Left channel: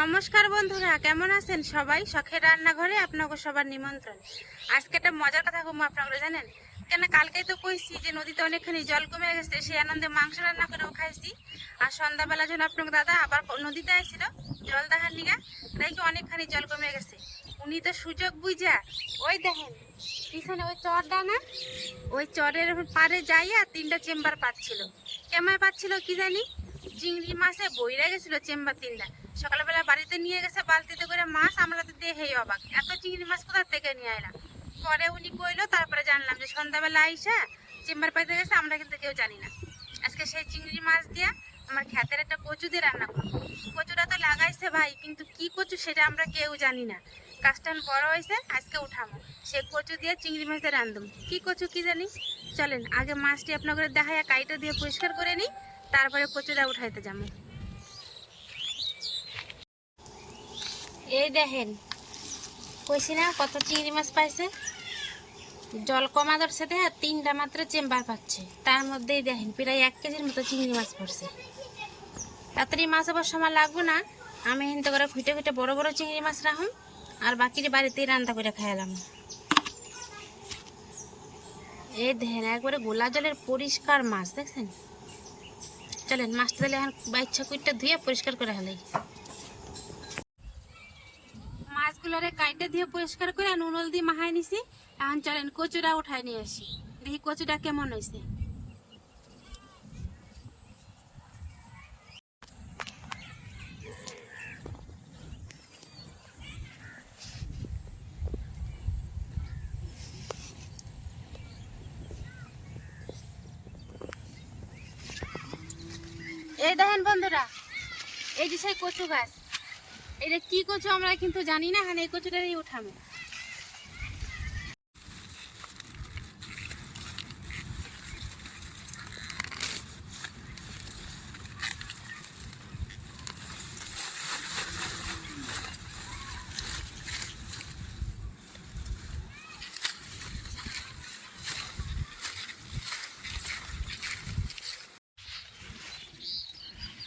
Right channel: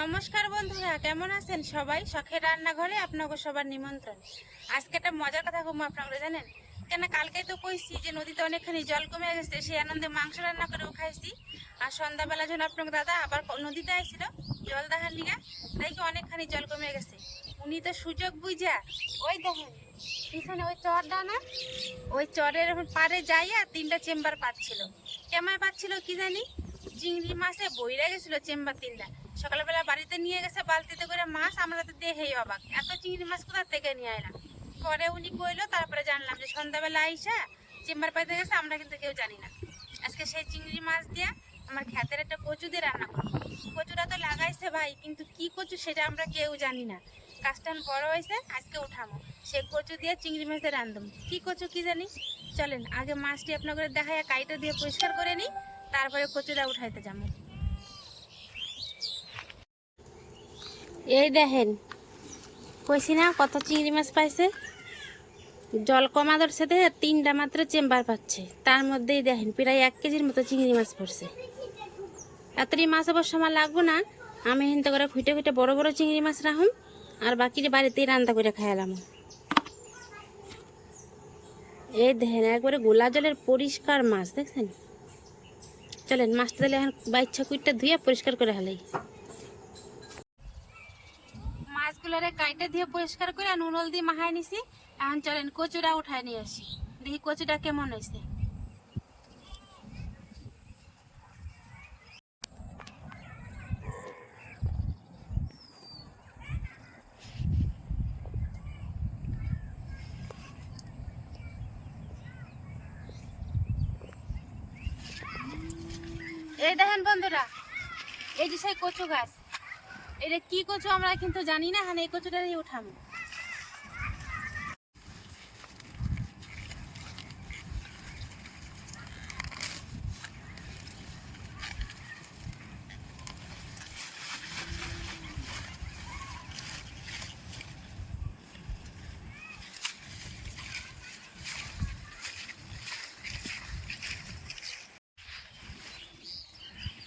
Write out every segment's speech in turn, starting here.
নমস্কার বন্ধুরা, কেমন আছেন সবাই? শখের রান্নাঘরে আপনাকে সবার নিমন্ত্রণ। আজকে একটা মজার কথা কম আপনারা জানেন? কেন কালকেই তো কইছি যে নদীতে অনেকখানি জল কমে গেছে, সেই আনন্দে মাংস রান্না করেও খাইছি। আর সন্ধ্যাবেলা যখন আপনার দাদা আবার নদীতে আসছিল জল দেখার লিগা, দেখি অনেকখানি জল কমে গেছে। উনি তো সুযোগ বুঝা ওই দেখেন, পিছনে ওই চরটা না, ওই চরের পারে যাইয়া তিনটা চেম্বার পাচ্ছিল। কেমন পাচ্ছিল কি জানি? চিংড়ি মাছে বইরা গেছিল চেম্বার তিনটা। সকালবেলা বাড়িতে নিয়ে গেছে, বালতিতে করে মাছ, আমরা তো দেখেই অবাক। এত চিংড়ি মাছ কোথা থেকে নিয়ে এলাম পরে উনি কইলো, তারপরে জানলাম যে সন্ধ্যাবেলা আইসা চেম্বার পাইতে গেছে, আমরা কিন্তু কেউ জানি না। আজকে সেই চিংড়ি মাছ দিয়ে আমার খ্যাতের একটা কচু দিয়ে রান্না করব। কচুটা তো লাগাইছে ভাই, কিন্তু কি কচু সেটা আমরা কেউ জানি না। কাজটান বড় হয়েছে, আজকে উঠামো সে কচু দিয়ে চিংড়ি মাছ দিয়ে রান্ধুম কি কচু কি জানি? চলেন, আগে মাছটি আপনাদের দেখাইয়া কাইটা দিয়ে পরিষ্কার করে নিই, তারপরে কচুটা উঠাইতে যাব। এই দেখেন, কইছি না কত চিংড়ি মাছ পাইছে? জল কমা ধরছে দেখে তিনটা মাত্র চেম্বার পাচ্ছে। তার মধ্যেই দেখেন, প্রায় এক কেজির মতো চিংড়ি মাছ পড়ছে। এতটি মাছ আবার সময় লাগবো না, আমি হিনতে করে খুঁটে খুঁটে বড় বড় চিংড়ি মাছ রাখুন আর বাকিটি বাড়িতেই রান্না করে খাইলাম। এই দেখেন, একবারে গোলা জলের পরিষ্কার মাছ, দেখছেন? চলেন, মাছটা তাহলে এখন বাইচ্ছা কুইটটা ধুয়ে পরিষ্কার করে হেলাই মাছগুলোরে কাইটে দিয়ে পরিষ্কার করে নুনল দিয়ে মাহাই নিছি। এখন চলেন কচুরা উঠাই নিয়ে আসি। দেখি কচুটা কেমন হয়েছে এই দেখেন বন্ধুরা, এই যে সেই কচু গাছ। এটা কি কচু আমরা কিন্তু জানি না হ্যাঁ এই কচুটারই উঠামো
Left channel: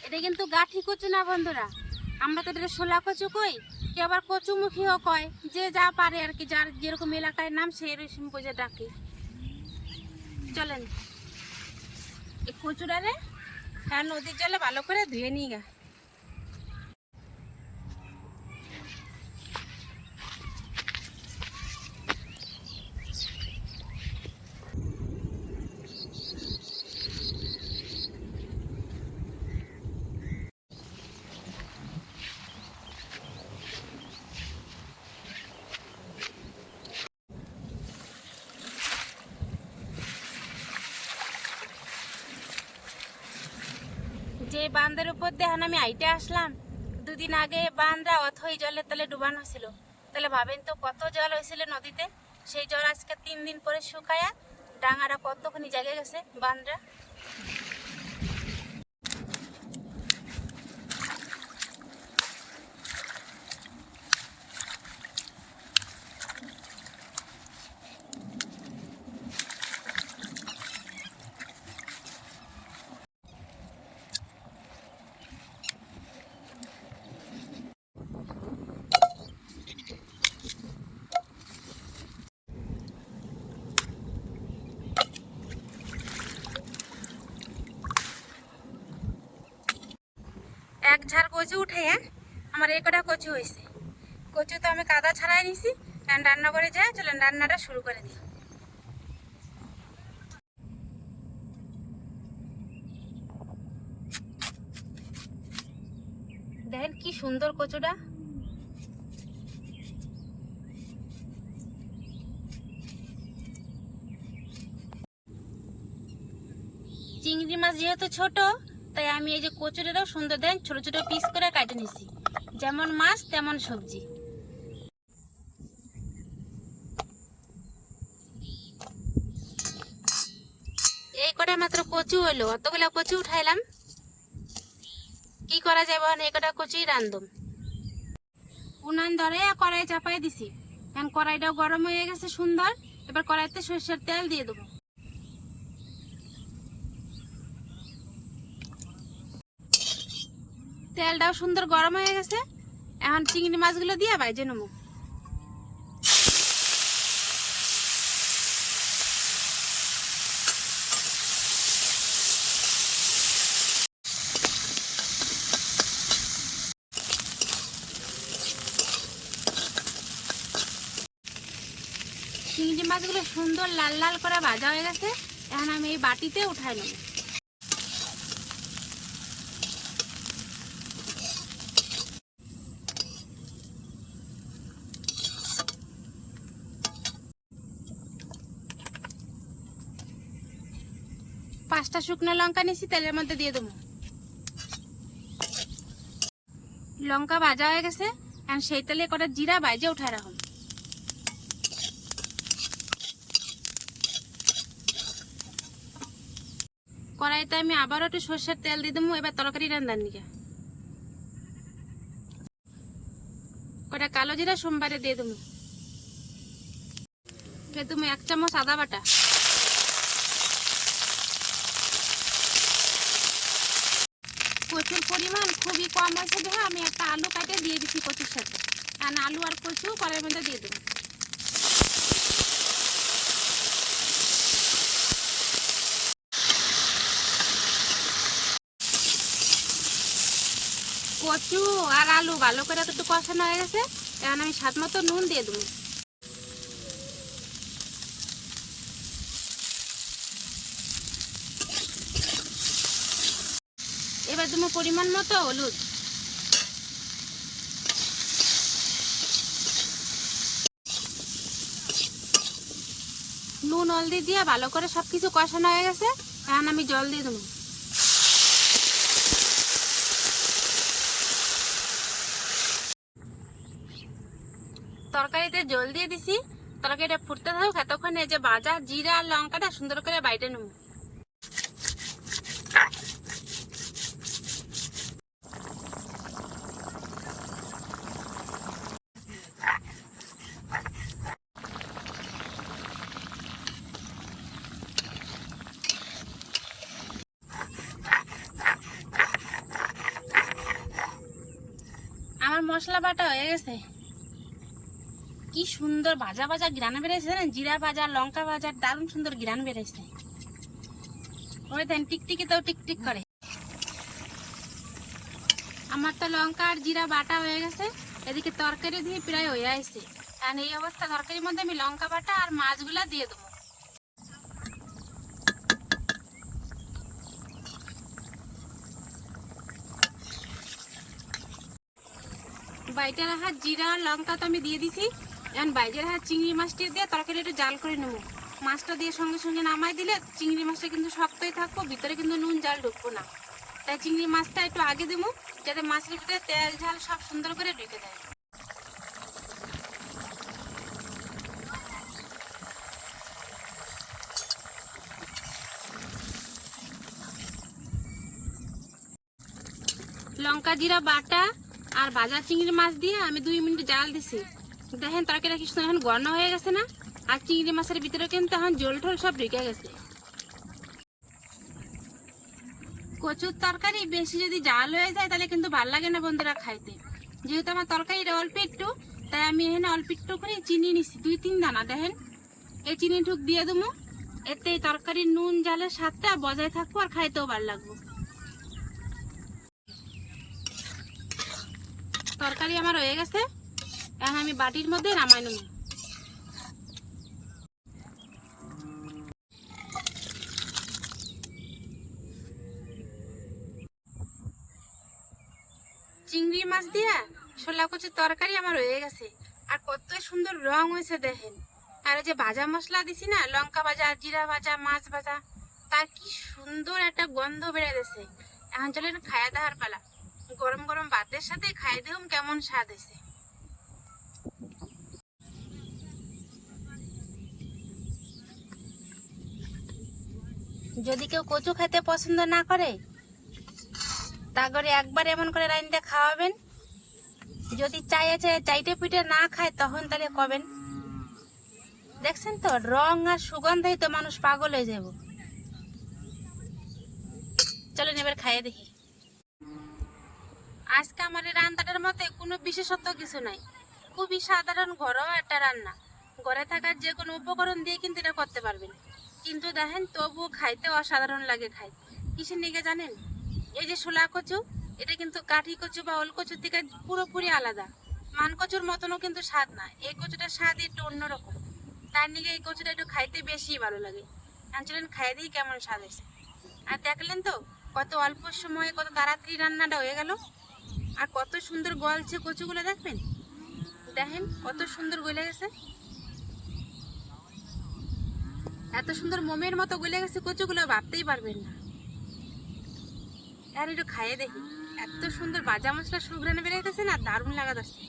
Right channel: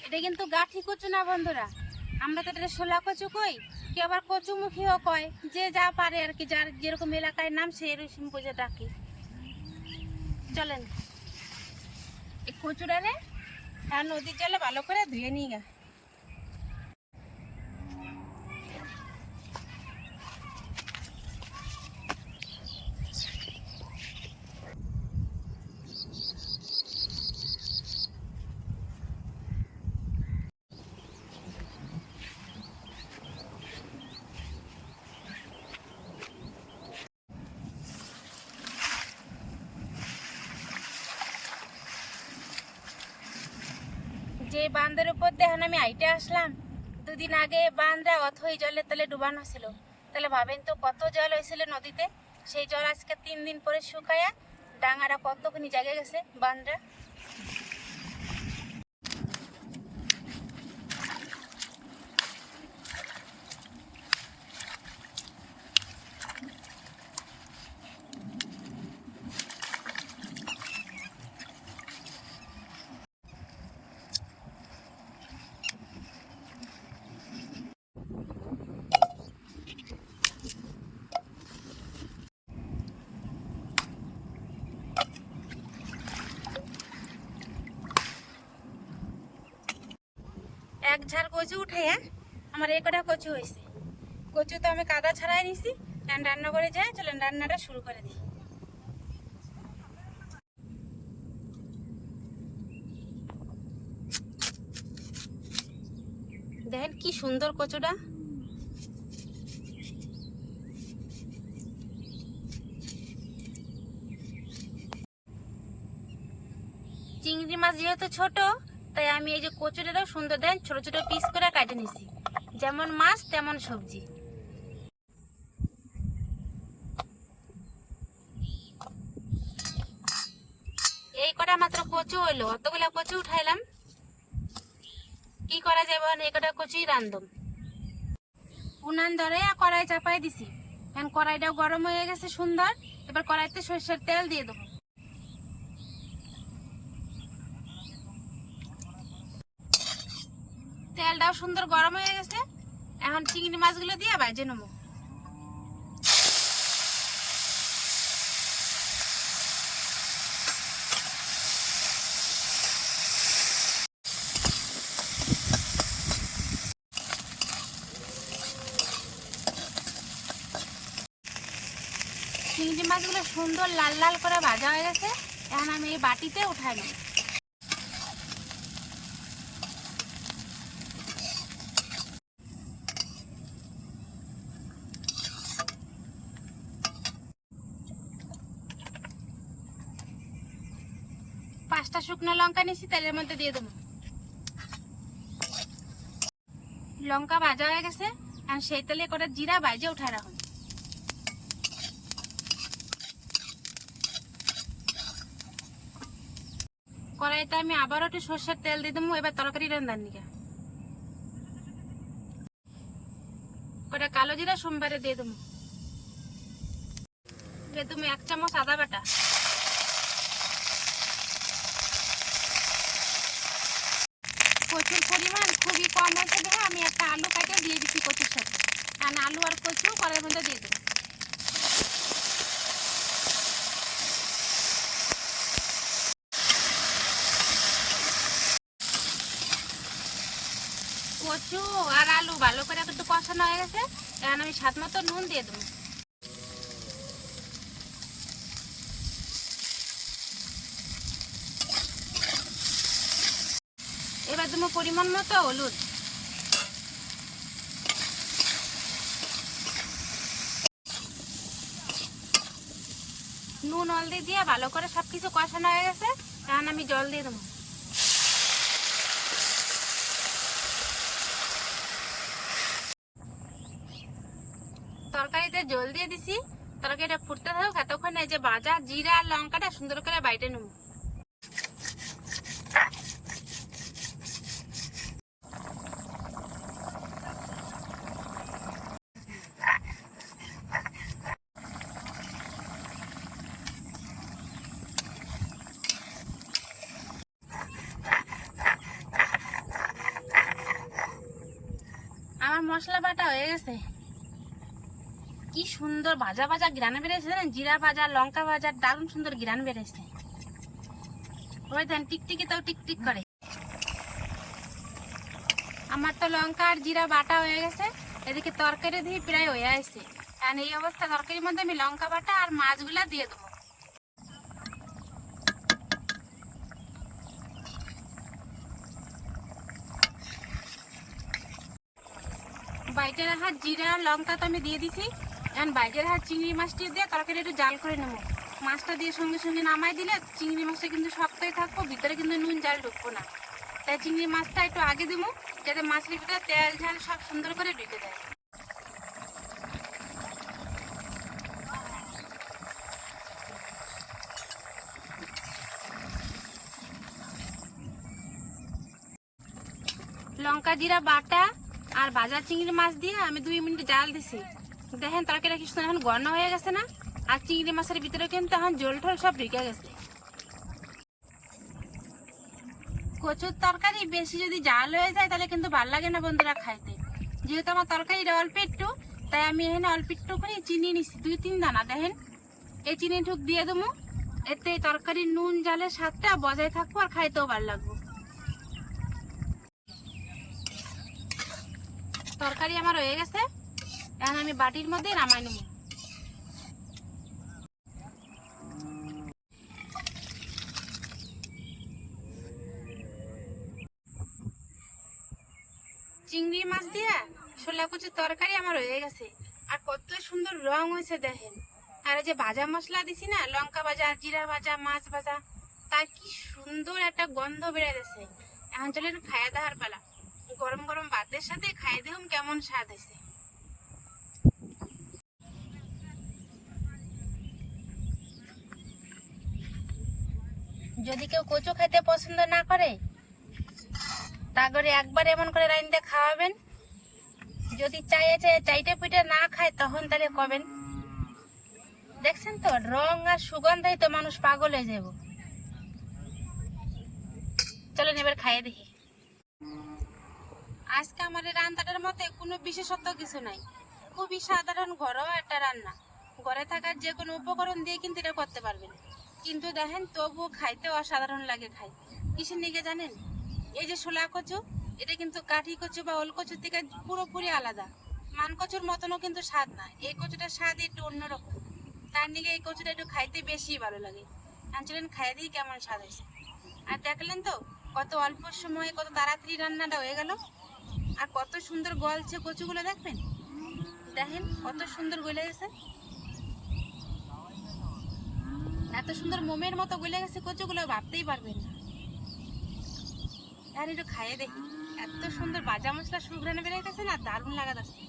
এটা কিন্তু গাঠি কচু না বন্ধুরা। আমরা তো এটা শোলা কচু কই কে আবার কচুমুখীও কয়, যে যা পারে আর কি, যার যেরকম এলাকায় নাম সেই রকম বুঝে ডাকে। চলেন। এই কচুটারে হ্যাঁ নদীর জলে ভালো করে ধুয়ে নিয়ে গা। যে বাঁধের উপর দেখেন আমি আইটে আসলাম, দুদিন আগে বাঁধরা অথই জলে তাহলে ডুবানো ছিল। তাহলে ভাবেন তো কত জল হয়েছিল নদীতে? সেই জল আজকে তিন দিন পরে শুকায়া ডাঙারা কতখানি জায়গায় গেছে বাঁধরা এক ঝাড় কচু উঠে আমার এই কটা কচু হয়েছে। কচু তো আমি কাদা ছাড়াই নিছি। রান্না করে যাই, চলেন রান্নাটা শুরু করে দিই। দেখেন কি সুন্দর কচুটা। চিংড়ি মাছ যেহেতু ছোট তাই আমি এই যে কচুরিটাও সুন্দর দেন ছোট ছোট পিস করে কাটে নিছি। যেমন মাছ, তেমন সবজি। এই কটা মাত্র কচু হইল, অতগুলা কচু উঠাইলাম। কি করা যাবে এখন? এই কটা কচুই রান্ধম উনান ধরে কড়াই চাপাই দিছি। এখন কড়াইটাও গরম হয়ে গেছে সুন্দর। এবার কড়াইতে সর্ষের তেল দিয়ে দেবো। তেলটাও সুন্দর গরম হয়ে গেছে। এখন চিংড়ি মাছগুলো দিয়ে বাইজে নেব। চিংড়ি মাছগুলো সুন্দর লাল লাল করে ভাজা হয়ে গেছে। এখন আমি এই বাটিতে উঠাই নেব। পাঁচটা শুকনো লঙ্কা নিয়েছি, তেলের মধ্যে দিয়ে দেবো। লঙ্কা ভাজা হয়ে গেছে, এখন সেই তেলে করে জিরা বাইজে উঠা রাখুন কড়াইতে আমি আবারও একটু সর্ষের তেল দিয়ে দেবো, এবার তরকারি রান্নার নিকে। কটা কালো জিরা সোমবারে দিয়ে দেবো। এবার তুমি এক চামচ আদা বাটা কচুর পরিমাণ খুবই কম আছে দেখো আমি একটা আলু কাটে দিয়ে দিচ্ছি কচুর সাথে আর আলু আর কচু, কড়াইয়ের মধ্যে দিয়ে দেবো। কচু আর আলু ভালো করে একটু কষানো হয়ে গেছে, এখন আমি স্বাদ মতো নুন দিয়ে দেবো। এবার দেবো পরিমাণ মতো হলুদ। নুন হলদি দিয়ে ভালো করে সব কিছু কষানো হয়ে গেছে, এখন আমি জল দিয়ে দেবো। তরকারিতে জল দিয়ে দিছি, তরকারিটা ফুটতে থাকুক, এতক্ষণ এই যে বাজা জিরা লঙ্কাটা সুন্দর করে বাইটে নেব আমার মশলা বাটা হয়ে গেছে। কি সুন্দর ভাজা ভাজা গ্রান বেড়েছে জানেন? জিরা ভাজা, লঙ্কা ভাজা, দারুণ সুন্দর গ্রান বেড়েছে ওই দেন, টিকটিকি তো টিকটিক করে। আমার তো লঙ্কা আর জিরা বাটা হয়ে গেছে। এদিকে তরকারি দিয়ে প্রায় হয়ে আসছে। কারণ এই অবস্থা, তরকারির মধ্যে আমি লঙ্কা বাটা আর মাছগুলা দিয়ে দেবো। বাইটের হাত জিরা লঙ্কা তো আমি দিয়ে দিছি। এখন বাইরের হাত চিংড়ি মাছটি দিয়ে তরকারি একটু জাল করে নেব। মাছটা দিয়ে সঙ্গে সঙ্গে নামাই দিলে চিংড়ি মাছটা কিন্তু শক্তই থাকব, ভিতরে কিন্তু নুন জাল ঢুকবো না। তাই চিংড়ি মাছটা একটু আগে দেবো, যাতে মাছের ভিতরে তেল ঝাল সব সুন্দর করে ঢুকে দেয় লঙ্কা জিরা বাটা আর বাজার চিংড়ি মাছ দিয়ে আমি দুই মিনিট জাল দিছি। দেখেন তরকারি কি সুন্দর এখন ঘন হয়ে গেছে না? আর চিংড়ি মাছের ভিতরে কিন্তু এখন জল ঠল সব ঢুকে গেছে। কচুর তরকারি বেশি যদি জাল হয়ে যায় তাহলে কিন্তু ভালো লাগে না বন্ধুরা খাইতে। যেহেতু আমার তরকারিটা অল্প একটু, তাই আমি এখানে অল্প একটু করে চিনি নিছি, দুই তিন দানা, দেখেন। এই চিনি ঠুক দিয়ে দেবো। এতে তরকারির নুন, জালের স্বাদটা বজায় থাকব আর খাইতেও ভালো লাগবো। তরকারি আমার হয়ে গেছে। এখন আমি বাটির মধ্যে নামাই নেব। চিংড়ি মাছ দিয়া ছোলা কচুর তরকারি আমার হয়ে গেছে। আর কত সুন্দর রং হয়েছে দেখেন। আর যে ভাজা মশলা দিছি না, লঙ্কা ভাজা, জিরা ভাজা, মাছ ভাজা, তার কি সুন্দর একটা গন্ধ বেড়ে গেছে। এখন চলেন খায়া দাহার পালা। গরম গরম ভাতের সাথে খাই দেখুন কেমন স্বাদ হয়েছে। যদি কেউ কচু খেতে পছন্দ না করে তা করে একবার এমন করে রাইন্দে খাওয়াবেন। যদি চাইয়ে চাইয়ে চাইটে পিঠে না খায়, তখন তাহলে কবেন? দেখছেন তো, রং আর সুগন্ধাই তো মানুষ পাগল হয়ে যাব চলেন এবার খাইয়ে দেখি। আজকে আমার এই রান্নাটার মতে কোনো বিশেষত্ব কিছু নাই। খুবই সাধারণ ঘরোয়া একটা রান্না। ঘরে থাকার যে কোনো উপকরণ দিয়ে কিন্তু এটা করতে পারবেন। কিন্তু দেখেন, তবুও খাইতে অসাধারণ লাগে খাই। কিসের নিকে জানেন? এই যে শোলা কচু, এটা কিন্তু কাঠি কচু বা ওল কচুর থেকে পুরোপুরি আলাদা। মান কচুর মতনও কিন্তু স্বাদ না। এই কচুটার স্বাদ একটু অন্যরকম। তার নিগে এই কচুটা একটু খাইতে বেশি ভালো লাগে। আঞ্চলেন খাই দিই কেমন স্বাদ হয়েছে। আর দেখলেন তো, কত অল্প সময়ে কত তাড়াতাড়ি রান্নাটা হয়ে গেল? আর কত সুন্দর গলছে কচুগুলো দেখবেন? দেখেন কত সুন্দর গলে গেছে। এত সুন্দর মোমের মতো গলে গেছে কচুগুলো, ভাবতেই পারবেন না। আর একটু খাইয়ে দেখি। এত সুন্দর বাজা মশলা সুঘ্রানে বেরোতেছে না, দারুণ লাগা যাচ্ছে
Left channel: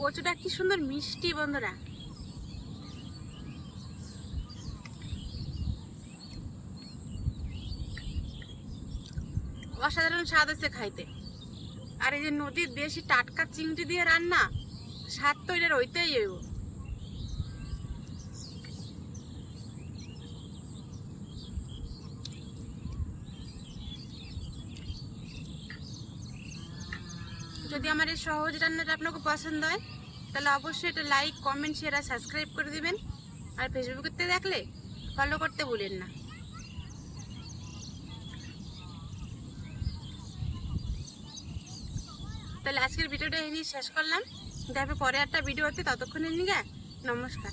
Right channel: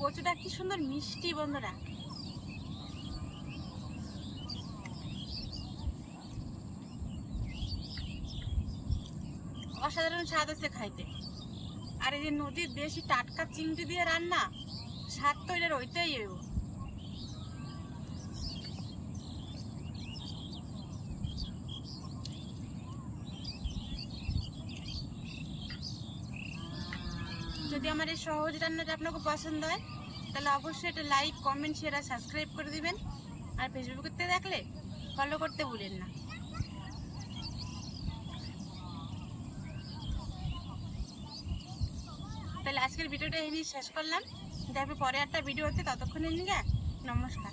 কচুটা কি সুন্দর মিষ্টি বন্ধুরা। অসাধারণ স্বাদ আছে খাইতে। আর এই যে নদীর দেশি টাটকা চিংড়ি দিয়ে রান্না, স্বাদ তো এটা ওইটাই হইব। যদি আমার এই সহজ রান্নাটা আপনাকে পছন্দ হয়, তাহলে অবশ্যই এটা লাইক কমেন্ট শেয়ার আর সাবস্ক্রাইব করে দিবেন। আর ফেসবুকেতে দেখলে ফলো করতে ভুলেন না। তাহলে আজকের ভিডিওটা এই নিয়ে শেষ করলাম। দেখবে পরে একটা ভিডিও হচ্ছে ততক্ষণের নিয়ে নমস্কার।